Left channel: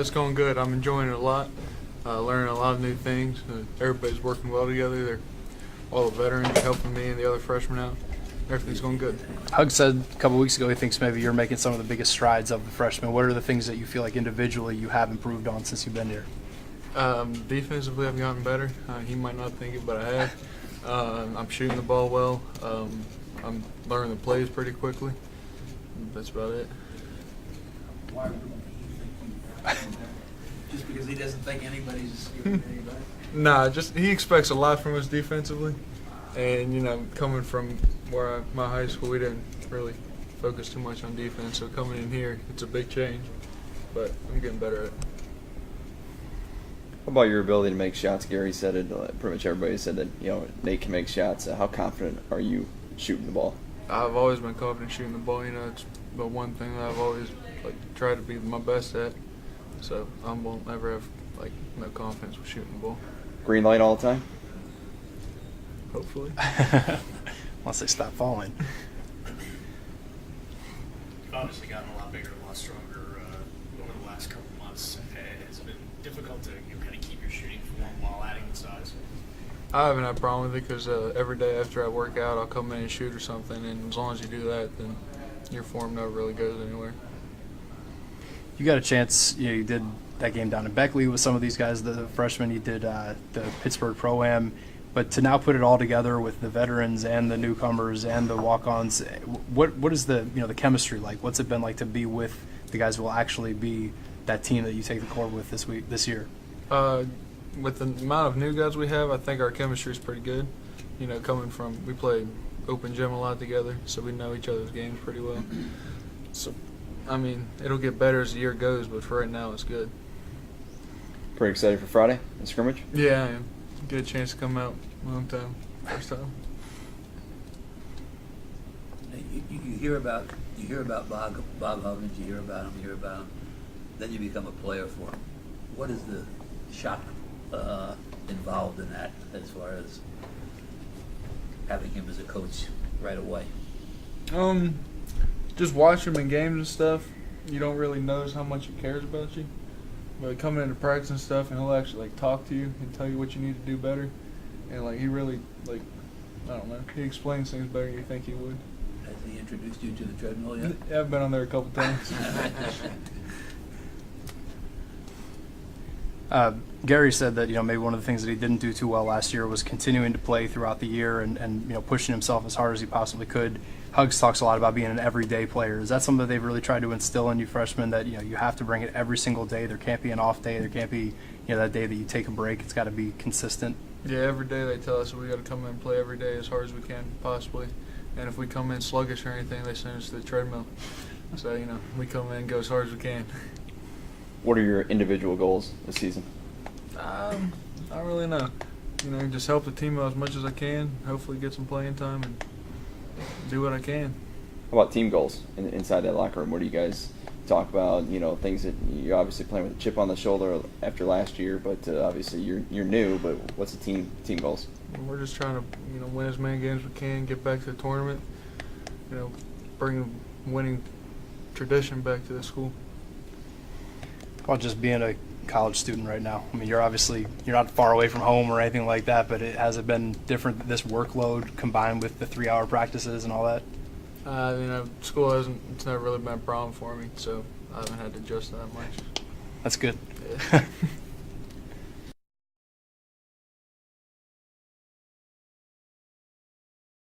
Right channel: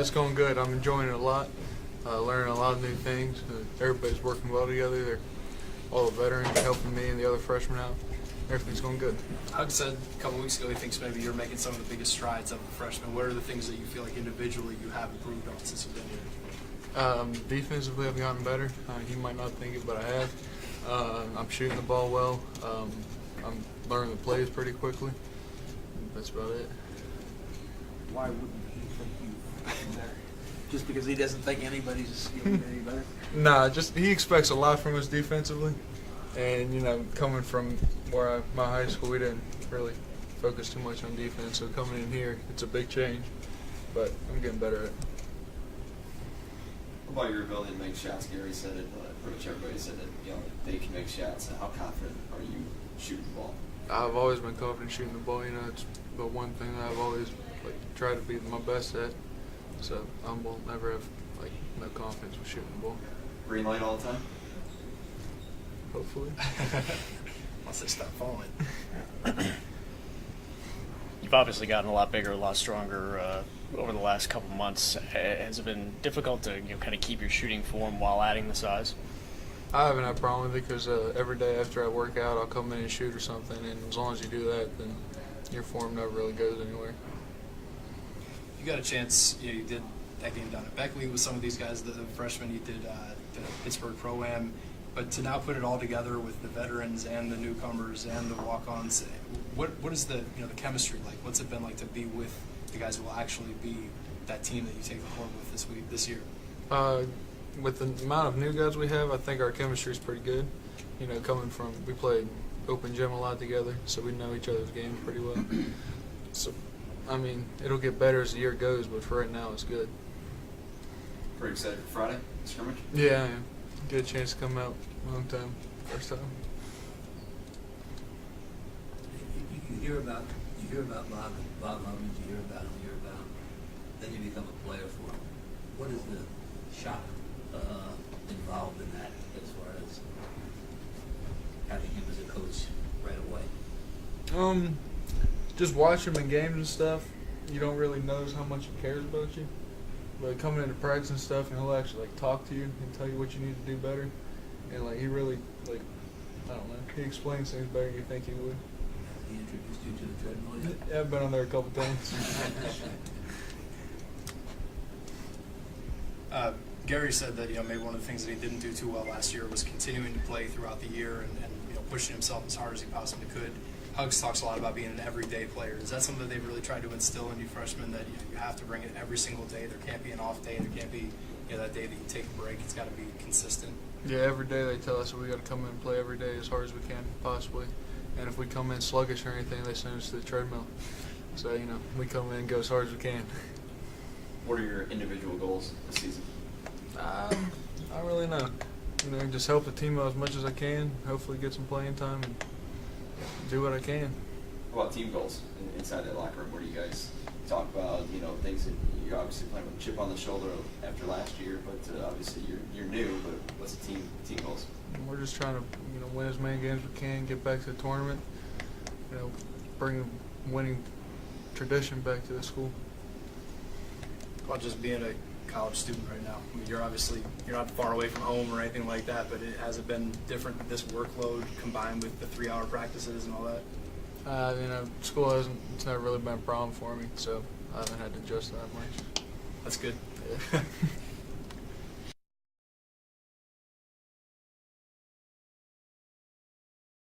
It's going good. I'm enjoying it a lot, learning a lot of new things. Everybody's working well together. All the veterans are helping me and the other freshmen out. Everything's going good. Hug said a couple weeks ago he thinks maybe you're making some of the biggest strides of a freshman. What are the things that you feel like individually you have improved on since you've been here? Defensively, I've gotten better. He might not think it, but I have. I'm shooting the ball well. I'm learning the plays pretty quickly. That's about it. Why wouldn't he think you've gotten better? Just because he doesn't think anybody's getting any better? Nah, just he expects a lot from us defensively. And, coming from my high school, we didn't really focus too much on defense. So coming in here, it's a big change. But I'm getting better at it. How about your ability to make shots? Gary said it. Pretty much everybody said that Nate can make shots. How confident are you shooting the ball? I've always been confident shooting the ball. It's the one thing that I've always tried to be my best at. So I won't ever have no confidence with shooting the ball. Green light all the time? Hopefully. Unless they stop falling. You've obviously gotten a lot bigger, a lot stronger over the last couple months. Has it been difficult to kind of keep your shooting form while adding the size? I haven't had a problem with it because every day after I work out, I'll come in and shoot or something. And as long as you do that, then your form never really goes anywhere. You got a chance, you did that game down in Beckley with some of these guys, the freshmen. You did the Pittsburgh Pro-Am. But to now put it all together with the veterans and the newcomers and the walk-ons, what is the the chemistry like? What's it been like to be with the guys who will actually be that team that you take the court with this year? With the amount of new guys we have, I think our chemistry is pretty good. Coming from we played open gym a lot together, so we know each other's games pretty well. So, it'll get better as the year goes, but for right now, it's good. Pretty excited for Friday, the scrimmage? Yeah, I am. Get a chance to come out long time, first time. You hear about Bob Huggins, you hear about him, then you become a player for him. What is the shock involved in that as far as having him as a coach right away? Just watch him in games and stuff. You don't really notice how much he cares about you. But coming into practice and stuff, and he'll actually talk to you and tell you what you need to do better. And he really I don't know. He explains things better than you think he would. Has he introduced you to the treadmill yet? Yeah, I've been on there a couple times. Gary said that maybe one of the things that he didn't do too well last year was continuing to play throughout the year and pushing himself as hard as he possibly could. Hugs talks a lot about being an everyday player. Is that something that they've really tried to instill in you freshmen, that you have to bring it every single day? There can't be an off day. There can't be that day that you take a break. It's got to be consistent. Yeah, every day they tell us that we got to come in and play every day as hard as we can possibly. And if we come in sluggish or anything, they send us to the treadmill. So we come in and go as hard as we can. What are your individual goals this season? I don't really know. Just help the team out as much as I can. Hopefully get some playing time and do what I can. How about team goals inside that locker room? What do you guys talk about? Things that you're obviously playing with a chip on the shoulder after last year, but obviously you're new. But what's the team goals? We're just trying to win as many games as we can, get back to the tournament. Bring winning tradition back to the school. Well, just being a college student right now. You're not far away from home or anything like that, but has it been different, this workload combined with the 3-hour practices and all that? School it's never really been a problem for me, so I haven't had to adjust that much. That's good. Yeah.